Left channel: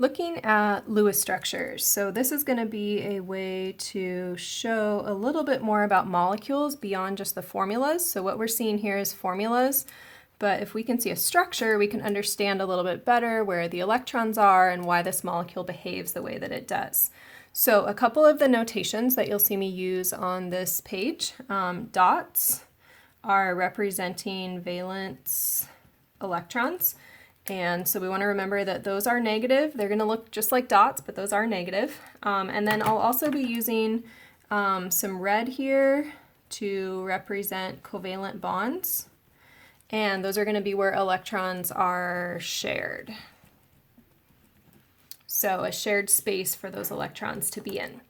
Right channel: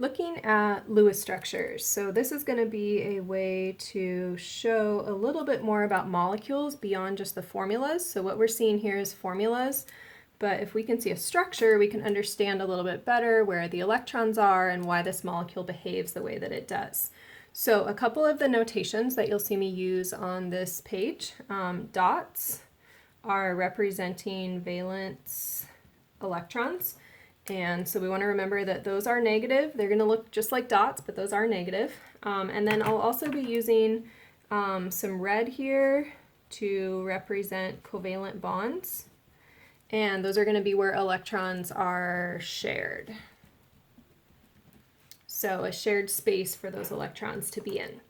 Looking at Lewis structures. So this is going to be a way to show a little bit more about molecules beyond just the formulas. So what we're seeing here is formulas, but if we can see a structure, we can understand a little bit better where the electrons are and why this molecule behaves the way that it does. So a couple of the notations that you'll see me use on this page, dots are representing valence electrons. And so we want to remember that those are negative. They're going to look just like dots, but those are negative. And then I'll also be using some red here to represent covalent bonds. And those are going to be where electrons are shared. So a shared space for those electrons to be in.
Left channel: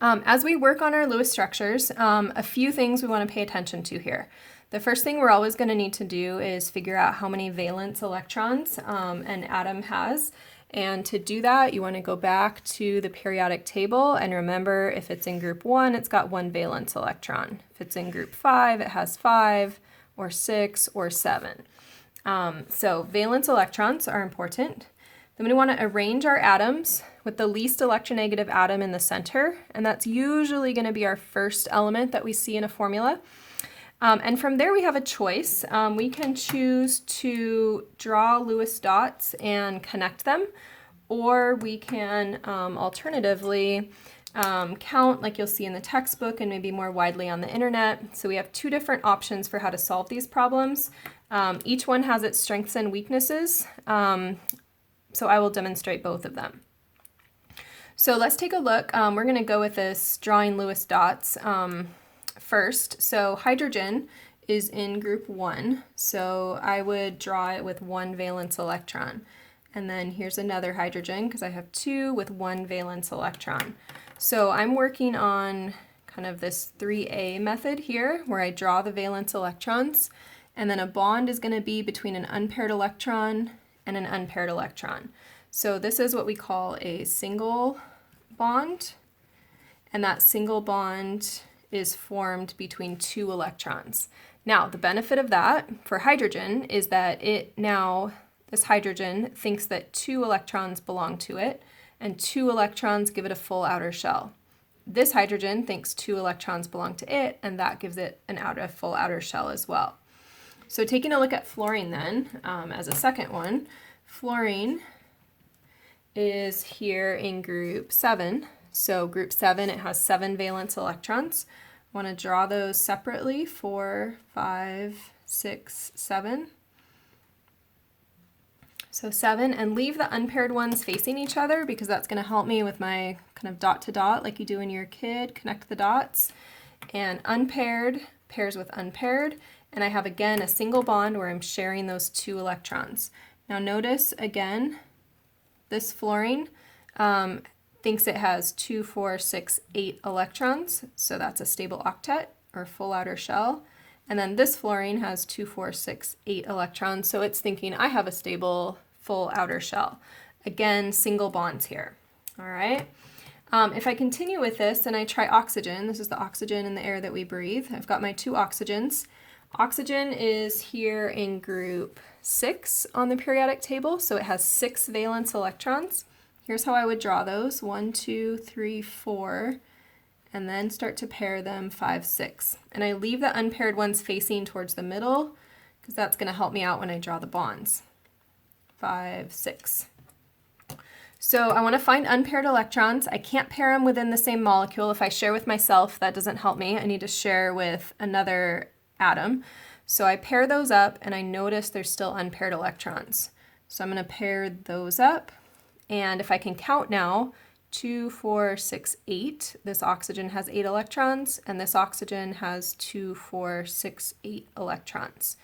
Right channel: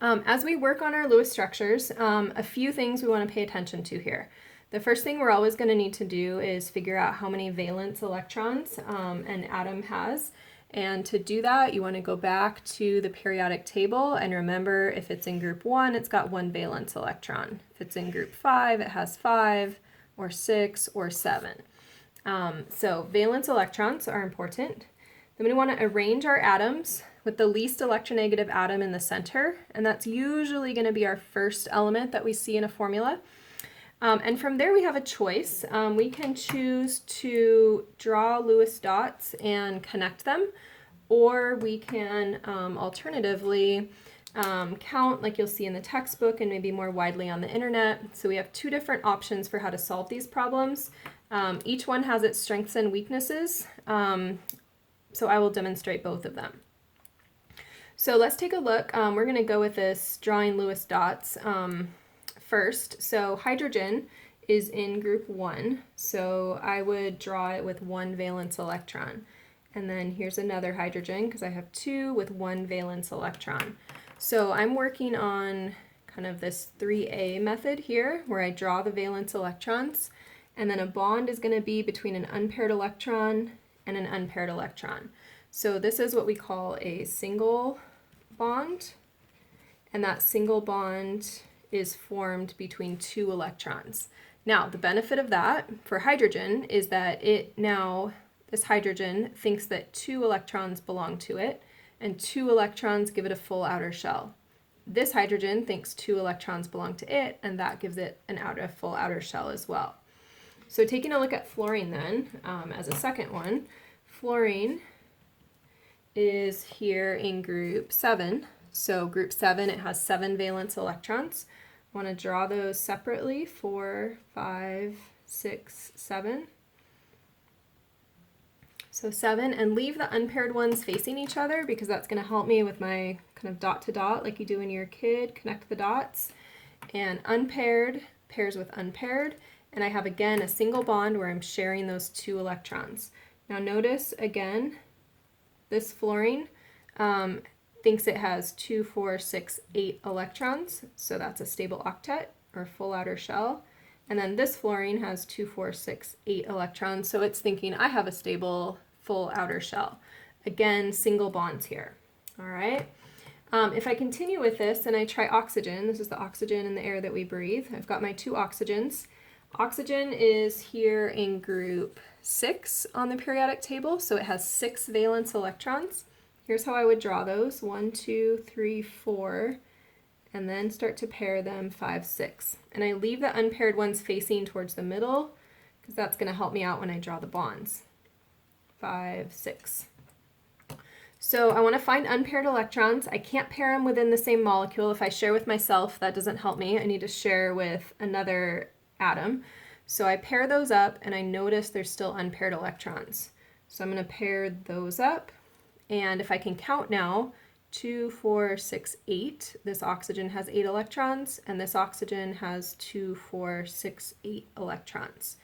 As we work on our Lewis structures, a few things we want to pay attention to here. The first thing we're always going to need to do is figure out how many valence electrons an atom has. And to do that, you want to go back to the periodic table and remember if it's in group 1, it's got 1 valence electron. If it's in group 5, it has 5 or 6 or 7. So valence electrons are important. Then we want to arrange our atoms with the least electronegative atom in the center, and that's usually going to be our first element that we see in a formula. And from there we have a choice. We can choose to draw Lewis dots and connect them, or we can alternatively count like you'll see in the textbook and maybe more widely on the internet. So we have two different options for how to solve these problems. Each one has its strengths and weaknesses, so I will demonstrate both of them. So let's take a look. We're going to go with this drawing Lewis dots first. So hydrogen is in group 1, so I would draw it with 1 valence electron. And then here's another hydrogen because I have 2 with 1 valence electron. So I'm working on kind of this 3A method here where I draw the valence electrons, and then a bond is going to be between an unpaired electron and an unpaired electron. So this is what we call a single bond, and that single bond is formed between 2 electrons. Now, the benefit of that for hydrogen is that this hydrogen thinks that 2 electrons belong to it, and 2 electrons give it a full outer shell. This hydrogen thinks 2 electrons belong to it, and that gives it a full outer shell as well. So taking a look at fluorine then, as a second one, fluorine is here in group 7. So group 7, it has 7 valence electrons. I want to draw those separately, 4, 5, 6, 7. So 7, and leave the unpaired ones facing each other because that's going to help me with my kind of dot to dot like you do when you're a kid, connect the dots. And unpaired pairs with unpaired, and I have again a single bond where I'm sharing those 2 electrons. Now notice again, this fluorine thinks it has 2, 4, 6, 8 electrons, so that's a stable octet or full outer shell. And then this fluorine has 2, 4, 6, 8 electrons, so it's thinking I have a stable full outer shell. Again, single bonds here. All right. If I continue with this and I try oxygen, this is the oxygen in the air that we breathe. I've got my 2 oxygens. Oxygen is here in group 6 on the periodic table, so it has 6 valence electrons. Here's how I would draw those, 1, 2, 3, 4, and then start to pair them 5, 6. And I leave the unpaired ones facing towards the middle because that's going to help me out when I draw the bonds. 5, 6. So I want to find unpaired electrons. I can't pair them within the same molecule. If I share with myself, that doesn't help me. I need to share with another atom. So I pair those up and I notice there's still unpaired electrons. So I'm going to pair those up. And if I can count now, 2, 4, 6, 8, this oxygen has 8 electrons, and this oxygen has 2, 4, 6, 8 electrons.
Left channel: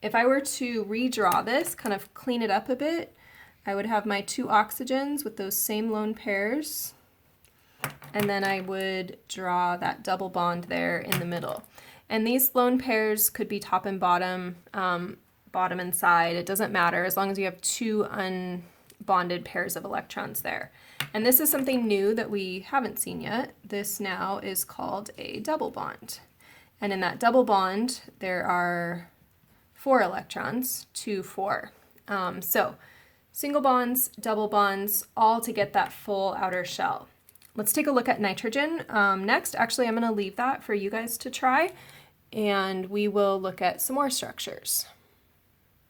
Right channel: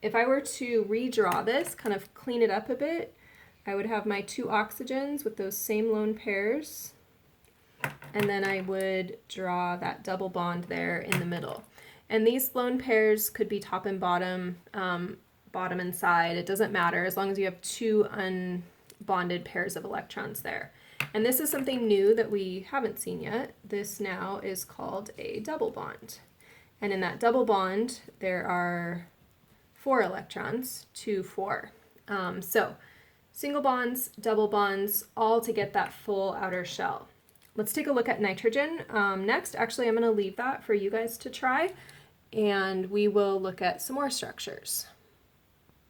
If I were to redraw this, kind of clean it up a bit, I would have my 2 oxygens with those same lone pairs, and then I would draw that double bond there in the middle. And these lone pairs could be top and bottom, bottom and side, it doesn't matter, as long as you have 2 unbonded pairs of electrons there. And this is something new that we haven't seen yet. This now is called a double bond. And in that double bond, there are 4 electrons, 2, 4. So single bonds, double bonds, all to get that full outer shell. Let's take a look at nitrogen next. Actually, I'm going to leave that for you guys to try, and we will look at some more structures.